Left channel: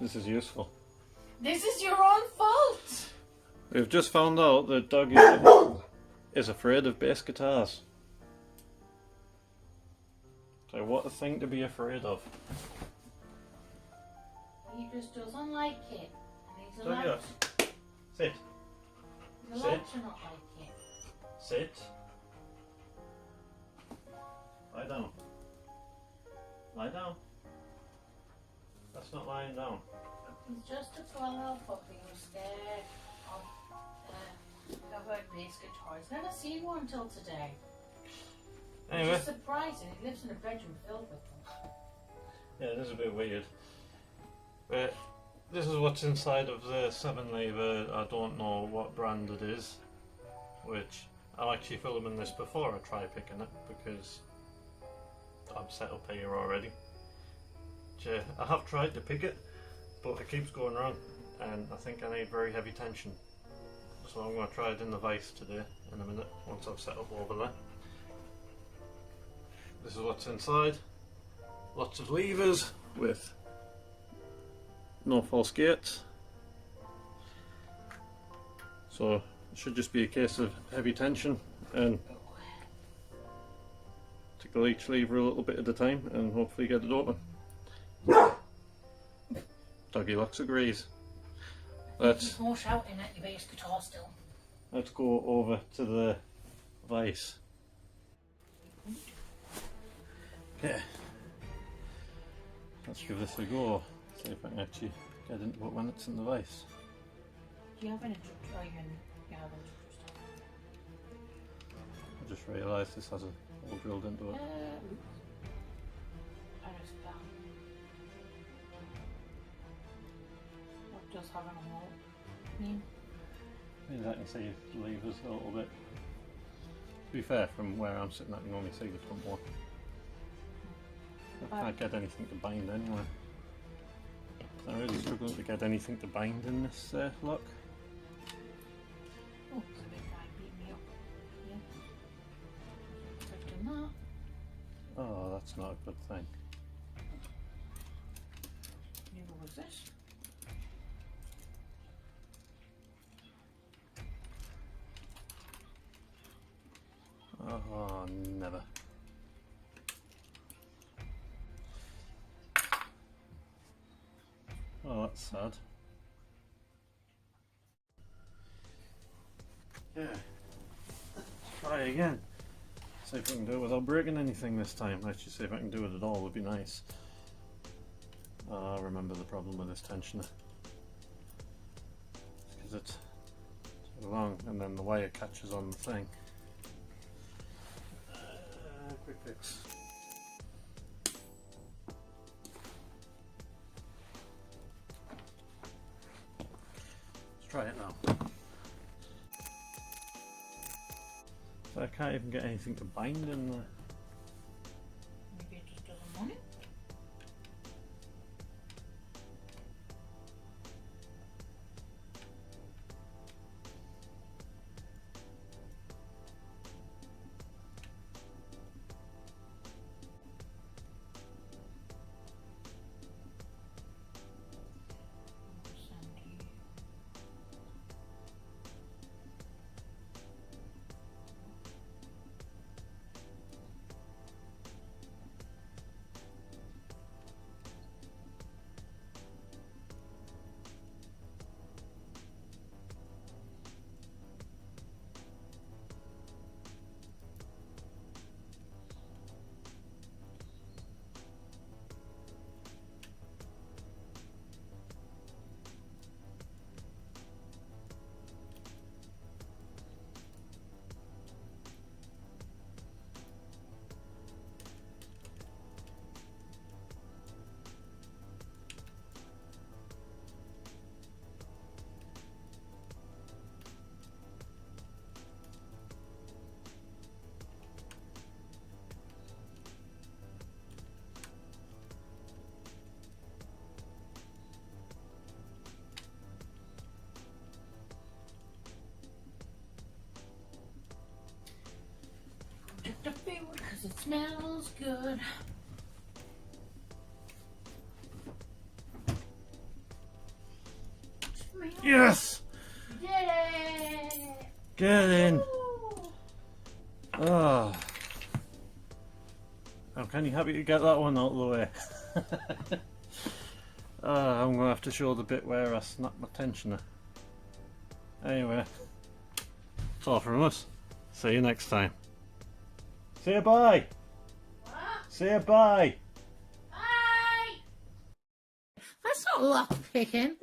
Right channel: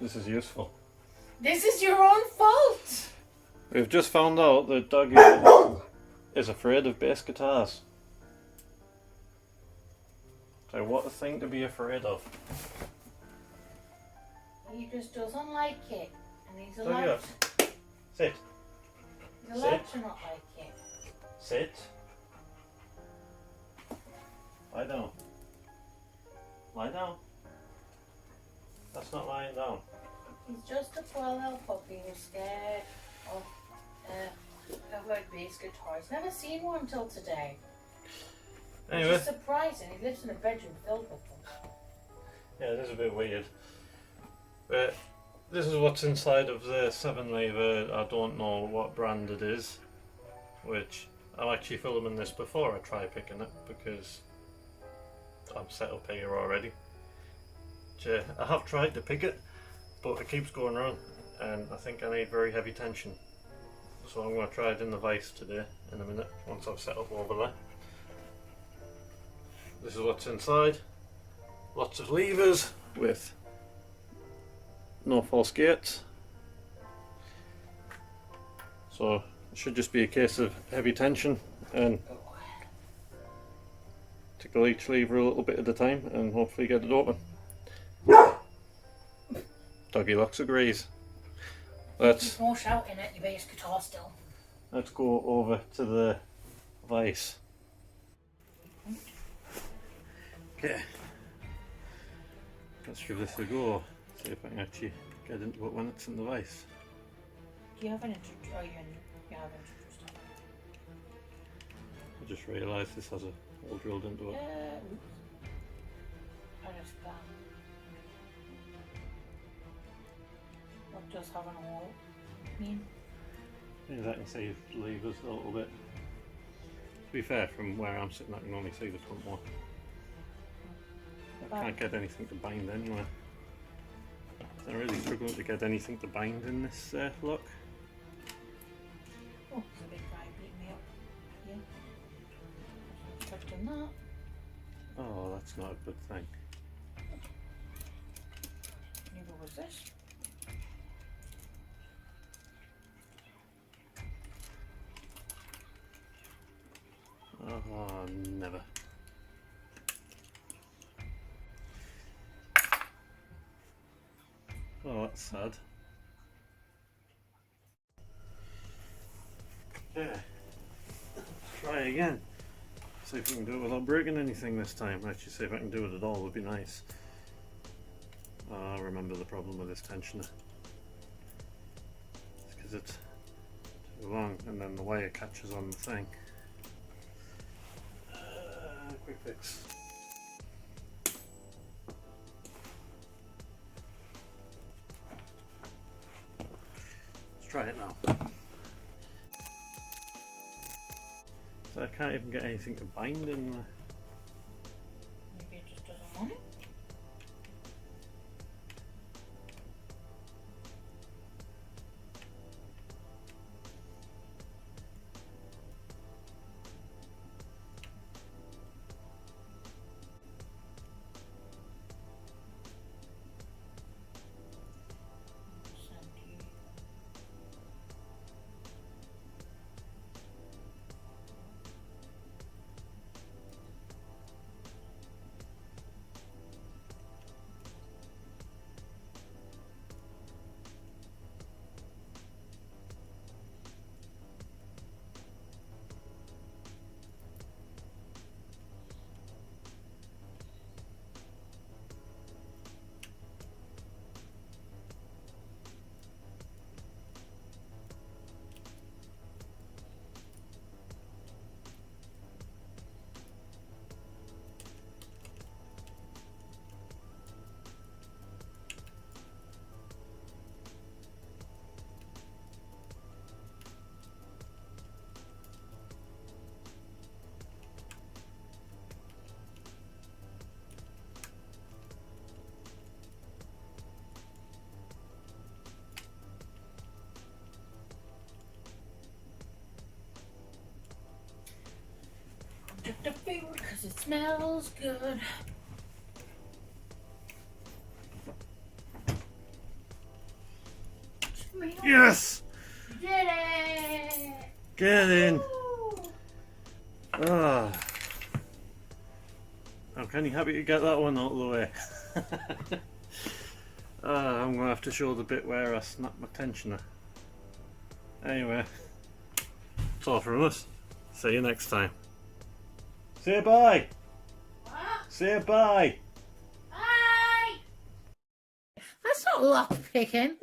This is useful. This is your own fault. We've just found out that Doggy is afraid of bass guitars. So what a thing to be afraid of. He just doesn't like it. And he's Doggy, allowed, sit. he's allowed Sit. to not like it. Sit. Lie down. Lie down. That's not lying down. He's just a poor little puppy who's scared of bass guitars. Never seen one till today. Anyway. Which is surprising. He lives in a bedroom filled with them. Yeah, it is a bit weird. But this is what's inside of the 7 lever. I don't know what brand it is. Which I'm actually filming this before I try picking it because I'm set up here already. Which, I have tried to pick it, but it keeps going wrong, and I think I need very heavy tension. So I'm going to try it in the vise today in a minute once I've set up over there. This is what's inside. Lots of levers with no false gates. So it should just be a case of heavy tension and tickle each lever a little bit at a time and hopefully get it open. Doggy Locks agrees. There's more shouting at your bass guitar still. Let's go over to the vise. Okay. Let's give this a go. See if I can actually get into it when it's in the vise. Do you have an introduction? Oh, you have introduced it. I just realised this has a hole drilled into it. Oops. I just What does having a hole mean? Yeah, I can see the levers a little bit. To be fair, from where I'm sitting, I can only see the front one. I can't get anything to bind anywhere. I'm really struggling to get anything to bind in this lock. Oh, there's a big guy beating me up. Yeah. Expecting that. Oh, that's not a good thing. Neither was this. Oh, never. Oh, that's sad. Yeah. Try again. See if I can do it without breaking anything this time. Actually, see if I can do it at all would be nice. Oh, I remember the problem with this tensioner. It's because it's too long and then the wire catches on the thing. Quick fix. Let's try it now. So I can't even get anything to bind in there. Maybe it just doesn't want it. Object of favorite because it smells good. Yes! You did it! Get in! Woo! Oh. I'm kind of happy to get that one out of the way. I'm going to have to show the bit where I snapped my tensioner. Anyway, that's all from us. See you next time. Say bye! What? Say bye! Bye! That's not lock picking.